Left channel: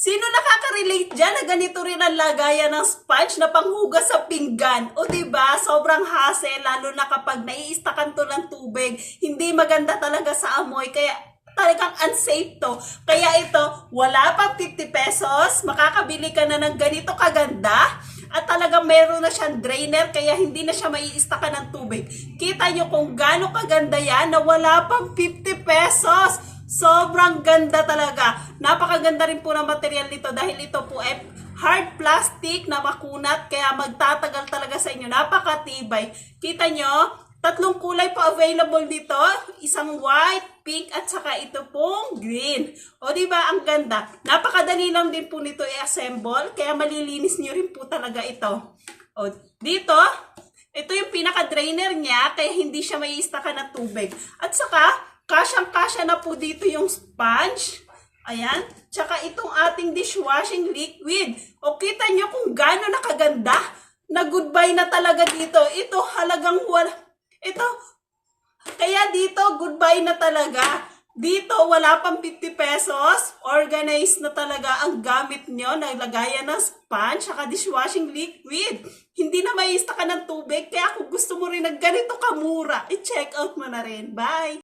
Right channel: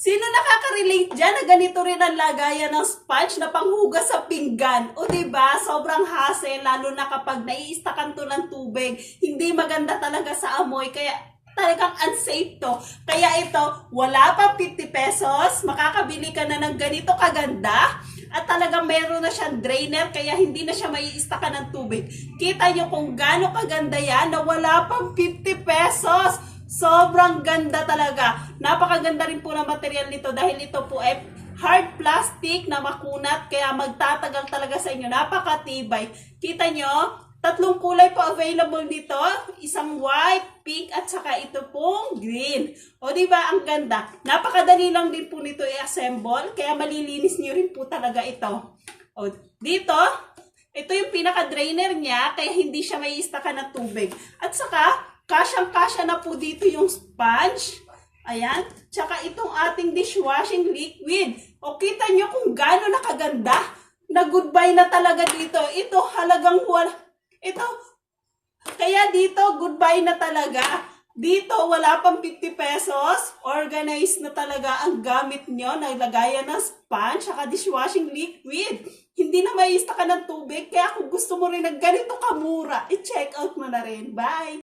Sino nakaka-relate dyan na ganito rin ang lagayan ng sponge na panghugas sa pinggan? O diba, sobrang hassle, lalo na kapag naiistakan to ng tubig. Hindi maganda talaga sa amoy, kaya talagang unsafe to. Kaya ito, wala pang 50 pesos, makakabili ka na ng ganito kaganda. At talagang meron na siyang drainer, kaya hindi na siya maiistakan ng tubig. Kita nyo kung gaano kaganda yan na wala pang 50 pesos. Sobrang ganda talaga. Napakaganda rin po ng material nito dahil ito po ay hard plastic na makunat kaya magtatagal talaga sa inyo. Napakatibay. Kita nyo? Tatlong kulay po available dito. Isang white, pink, at saka ito pong green. O diba ang ganda? Napakadali lang din po nito i-assemble kaya malilinis nyo rin po talaga ito. O dito, ito yung pinaka-drainer niya kaya hindi siya maiistakan ng tubig. At saka, kasyang-kasya na po dito yung sponge. Ayan. Tsaka itong ating dishwashing liquid. O kita nyo kung gaano nakaganda. Na goodbye na talaga dito. Ito halagang wala. Ito. Kaya dito goodbye na talaga. Dito wala pang 50 pesos. Organized na talaga ang gamit nyo. Naglagayan ng sponge. Tsaka dishwashing liquid. Hindi na maista ka ng tubig. Kaya kung gusto mo rin ng ganito kamura, i-check out mo na rin. Bye!